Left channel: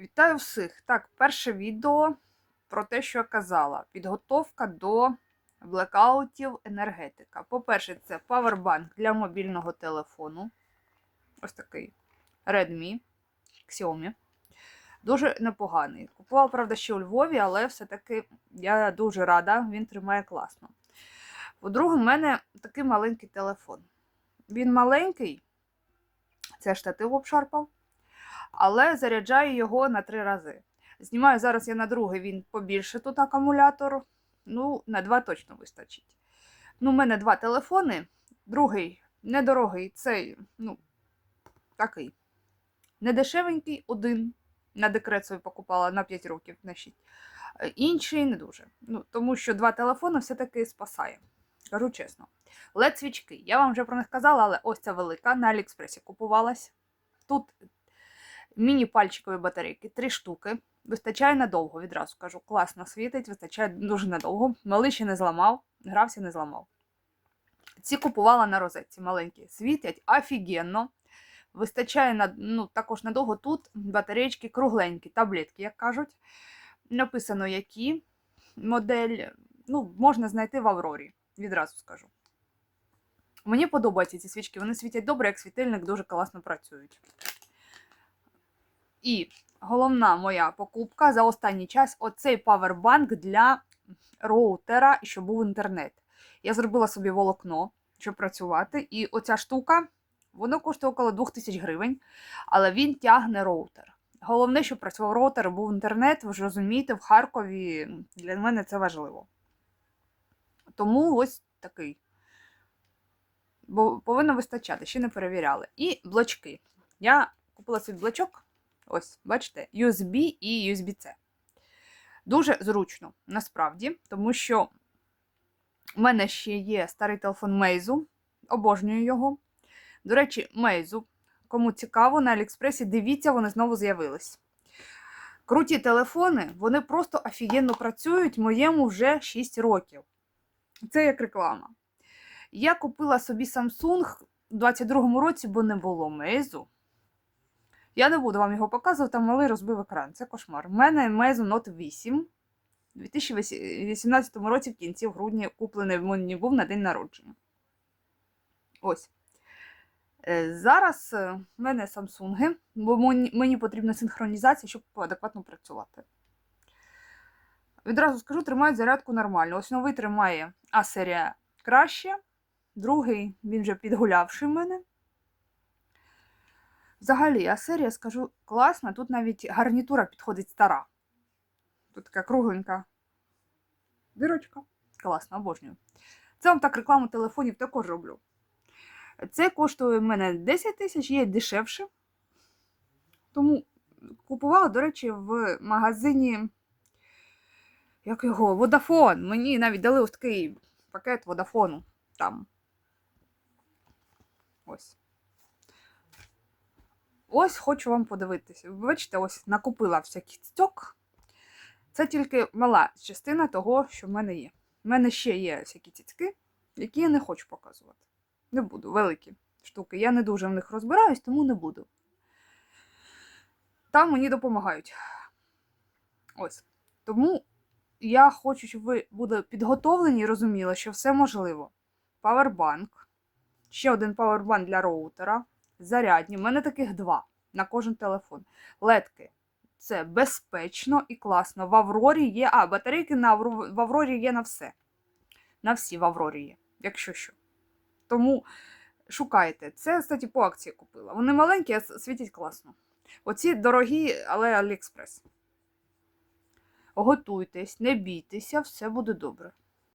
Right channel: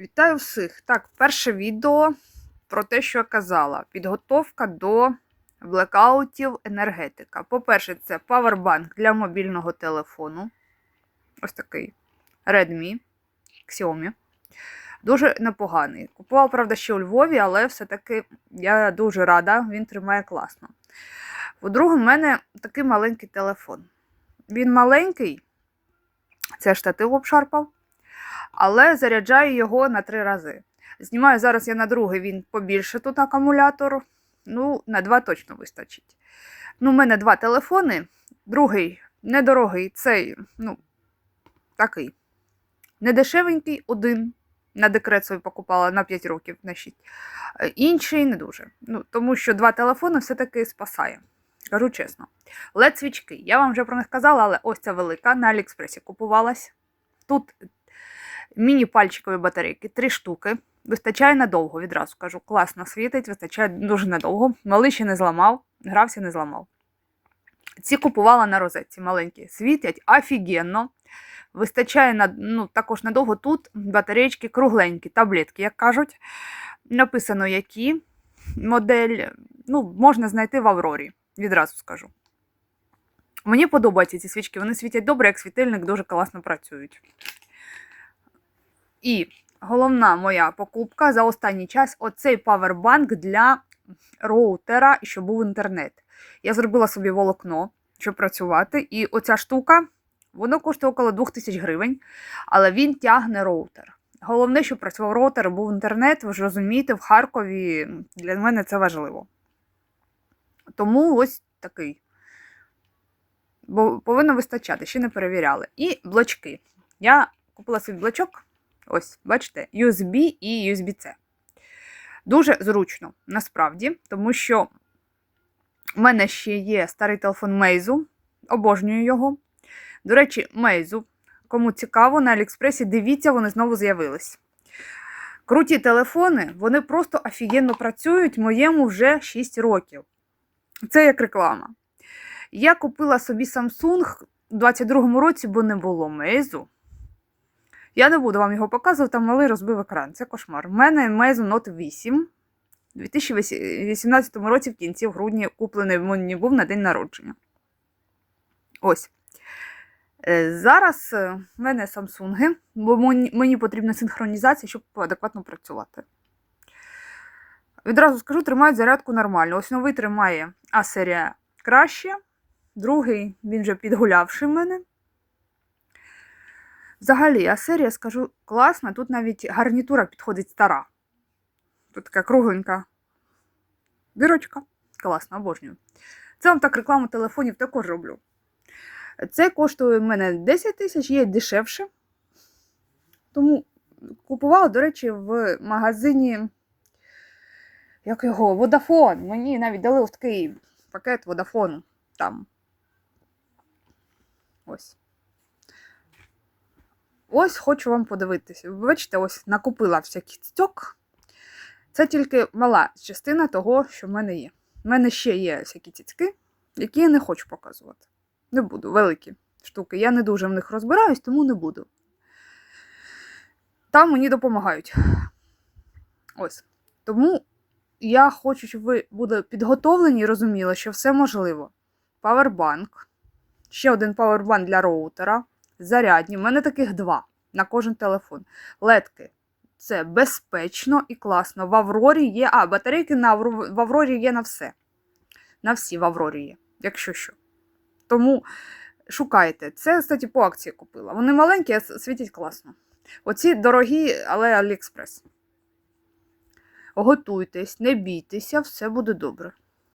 Вітаю всіх! Так, перше відео про те, що я казала. Підготовка до блекаутів енергетика. По-перше, це павербанк для мобільного телефону. Ось такий Redmi Xiaomi. Дуже непоганий. Купувала, правда, ще у Львові, але все-таки я дуже рада, він тримає класно. По-друге, в мене такий маленький телефон. Він маленький, це штатив обшарпав але заряджаю його на три рази. Знімаю зараз я на другий, він побільше тут акумулятор. Ну, на два точно вистачить. Ну, у мене два телефони. Другий недорогий, цей, ну, такий. Недешевенький, один. На декрет свій покупала на 5 років на 6. Е, Інший не дуже. Ну, тому що два телефони все-таки спасає. Кажу чесно. led свічки. Я вам вже про них казала, але ось ця велика на Аліекспресі купувалась. Тут міні-пальчикові батарейки, три штуки. Вистачає надовго, відразу кажу. Класно світить, вистачає дуже надовго. Малий ще не зламав, грався, не зламав. Ці купувала на розетці маленькі. Світять офігенно. Вистачає на, ну, також надовго тут батареєчки кругленькі, таблетки, як кажуть. Написано, які модель. Ну, можна знайти в Аврорі, відразу скажу. Мені подобаються ці свічки, вони світять добре, як світильник дуже класно працюють. І головна моя покупка за останній час оцей павербанк для роутера, щоб був інтернет. Я зробила собі волокно, щоб працювати, і оця штука, воно коштує около 2000 гривень, але він тягне роутер. Головне, щоб працював роутер, був інтернет, ви ж розумієте, в Харкові для мене це важливо. Тому ось такий. Бо повинно вистачати, ще не перевіряли. І блочки. Я купила собі блочок. Ось, бачите, USB і USB-C. Дуже зручно, насправді, тому що в мене ще є старий телефон Meizu, обожнюю його. До речі, Meizu, кому цікаво, на Аліекспресі, дивіться, вони знову з'явились. Круті телефони, вони просто офігенно працюють, моєму вже 6 років. Це як реклама. Я купила собі Samsung у 22-му році, бо не було Meizu. Я не буду вам його показувати, там малий розбив екран. Це кошмар. У мене Meizu Note 8 у 2018 році в кінці в грудні куплений мені був на день народження. Ось. Е, Зараз е, в мене Samsung, бо мені потрібна синхронізація, щоб адекватно працювати. Відразу скажу, тримають зарядку нормально. Ось новий тримає А-серія краще. Другий, він вже підгулявший мене. Взагалі, а серія, скажу, класна. Тут навіть гарнітура підходить стара. Тут така кругленька дирочка. Класно, обожнюю. Це вам так рекламу телефонів також роблю. Це коштує в мене 10 тисяч, є дешевше. Тому купувала, до речі, в магазині. Як його? Водафон. Мені навіть дали ось такий пакет водафону там. Ось. Ось хочу вам подивитися. Ви Бачите, ось накупила всякий стьок. Це тільки мала частина того, що в мене є. У мене ще є всякі цицьки, які я не хочу показувати. Не буду, великі штуки. Я не дуже в них розбираюсь, тому не буду. Там мені допомагають. Ось. Тому я хочу, щоб ви були підготовлені і розуміли, що все можливо. Павербанк. Ще один павербанк для роутера зарядні. У мене таких два на кожен телефон. Ледки. Це безпечно і класно. В Аврорі є. А, батарейки на в Аврорі є на все. На всі в Аврорі є, якщо що. Тому шукайте. Це, кстати, по акції купила. Вони маленькі, а світять класно. Оці дорогі, але Аліекспрес. Готуйтесь, не бійтеся, все буде добре.